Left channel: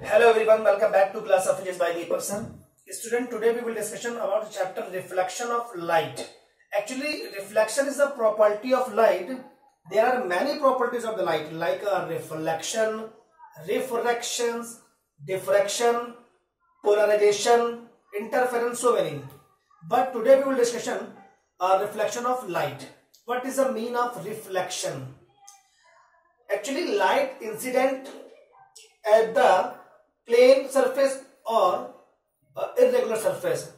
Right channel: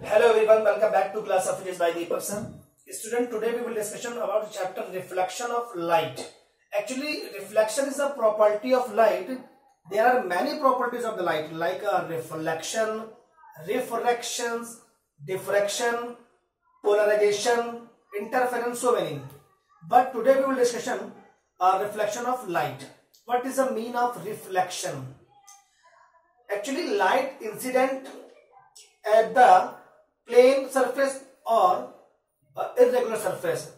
Hello everyone, welcome back to class of physics by Deepak. Student, today we will discussion about the chapter reflection of light. Actually, reflection is a property of light. There are many properties of the light like reflection, refractions, diffraction, polarization, interference, so many. But today we will discussion reflection of light. What is the mean of reflection? Actually, light incident at the plane surface or irregular surface.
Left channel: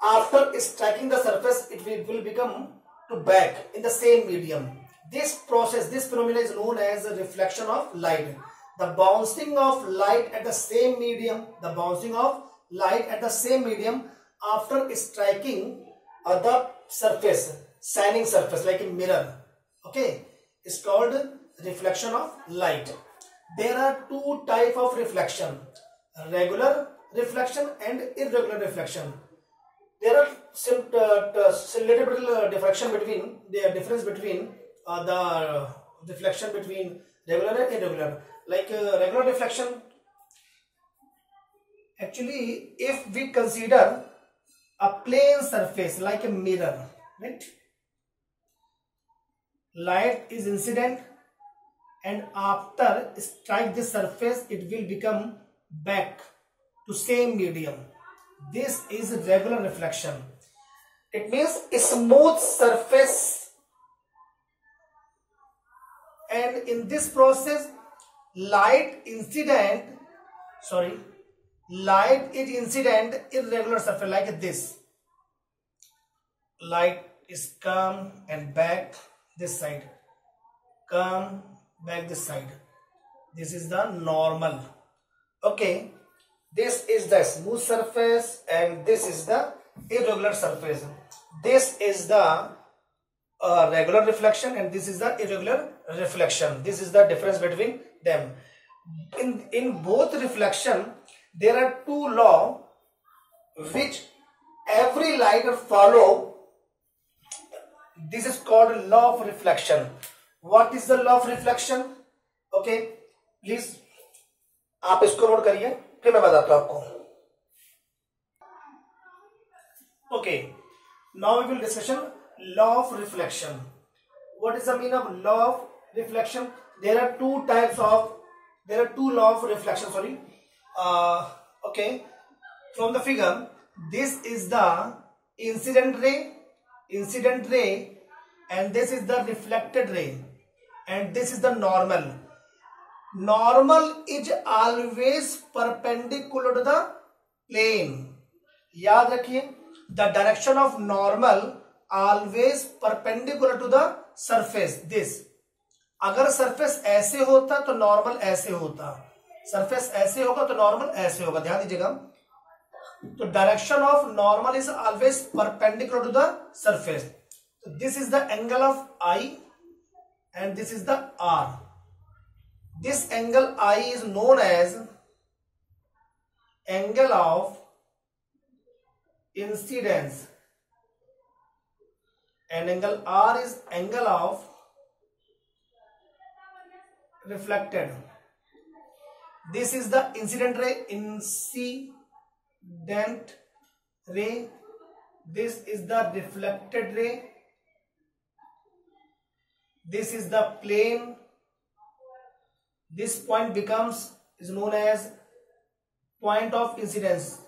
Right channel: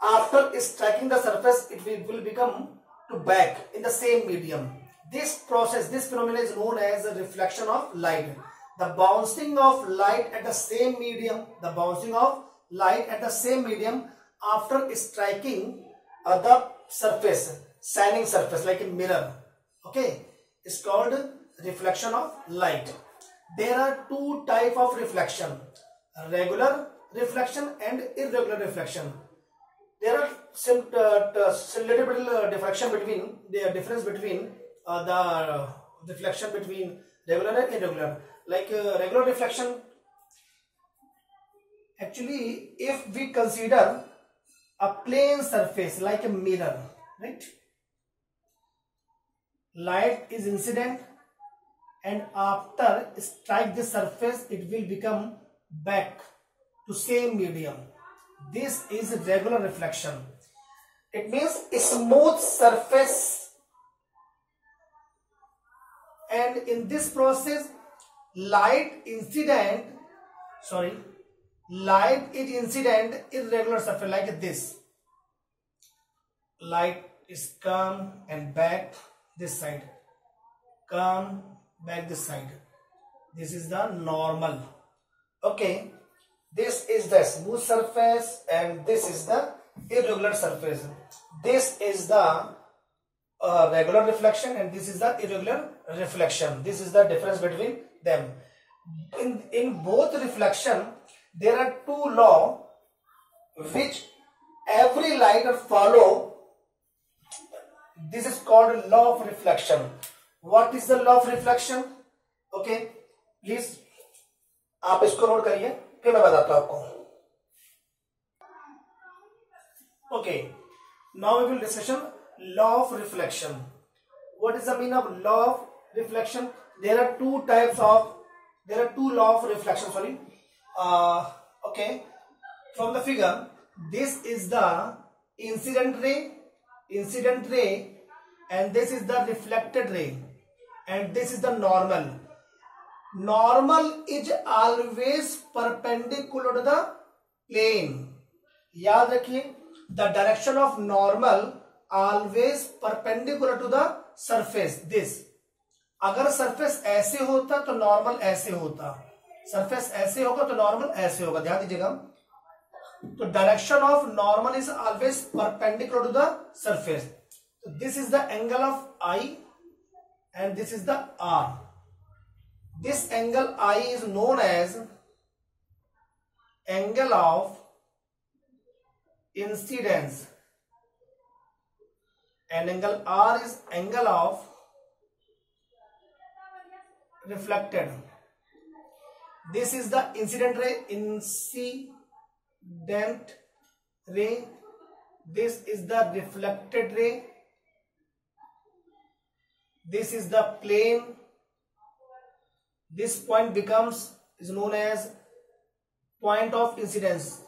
After striking the surface, it will become to back in the same medium. This process, this phenomenon is known as the reflection of light. The bouncing of light at the same medium, after striking the surface, shining surface like a mirror. Okay, it's called reflection of light. There are two types of reflection: regular reflection and irregular reflection. There are some little bit difference between the reflection between regular and irregular. Like regular reflection, actually, if we consider a plane surface like a mirror, right? Light is incident, and after strike the surface, it will become back to same medium. This is regular reflection. It means a smooth surface, and in this process light is incident irregular surface like this. Light is come and back this side, come back this side. This is the normal. Okay, this is the smooth surface and this is the irregular surface. This is the regular reflection and this is the irregular reflection. This is the difference between them. In both reflection, there are two laws which every light follow. This is called law of reflection. What is the law of reflection? Okay, please आप इसको note करिए, फिर मैं बताता हूं आपको. Okay, now we will discussion law of reflection. What is the meaning of law of reflection? There are two law of reflection. Sorry. Okay, from the figure, this is the incident ray, and this is the reflected ray, and this is the normal. Normal is always perpendicular to the plane. याद रखिए, the direction of normal always perpendicular to the surface. This, अगर surface ऐसे होता तो normal ऐसे होता, surface ऐसे होगा तो normal ऐसे होगा. ध्यान दीजिएगा. तो direction of normal is always perpendicular to the surface. So this is the angle of I and this is the R. This angle I is known as angle of incidence and angle R is angle of reflected. This is the incident ray, this is the reflected ray, this is the plane. This point is known as point of incidence,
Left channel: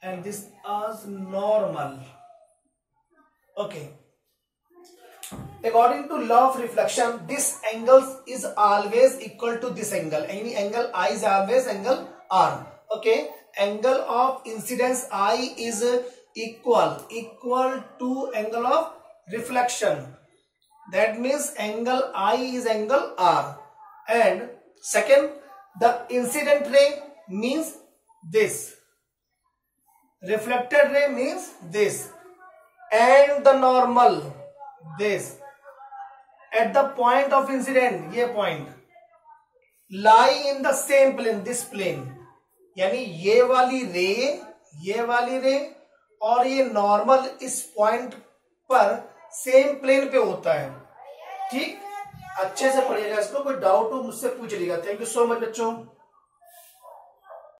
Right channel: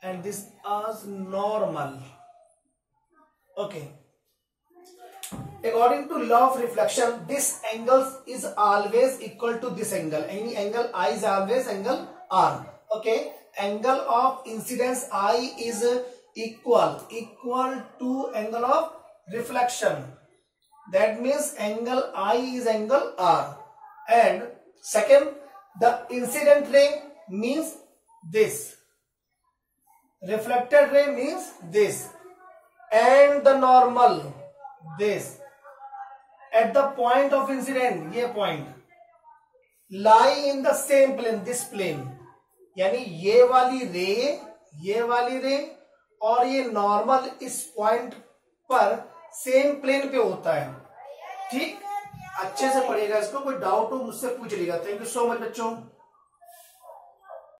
and this is normal. Okay, according to law of reflection, this angle is always equal to this angle. Any angle I is always angle R. Okay, angle of incidence I is equal to angle of reflection. That means angle I is angle R. And second, the incident ray means this, reflected ray means this, and the normal this. At the point of incident, ये point lie in the same plane, this plane. यानी ये वाली रे और ये normal इस point पर same plane पे होता है. ठीक, अच्छे से पढ़िएगा इसको, कोई डाउट हो मुझसे पूछ लीजिएगा। थैंक यू सो मच बच्चों।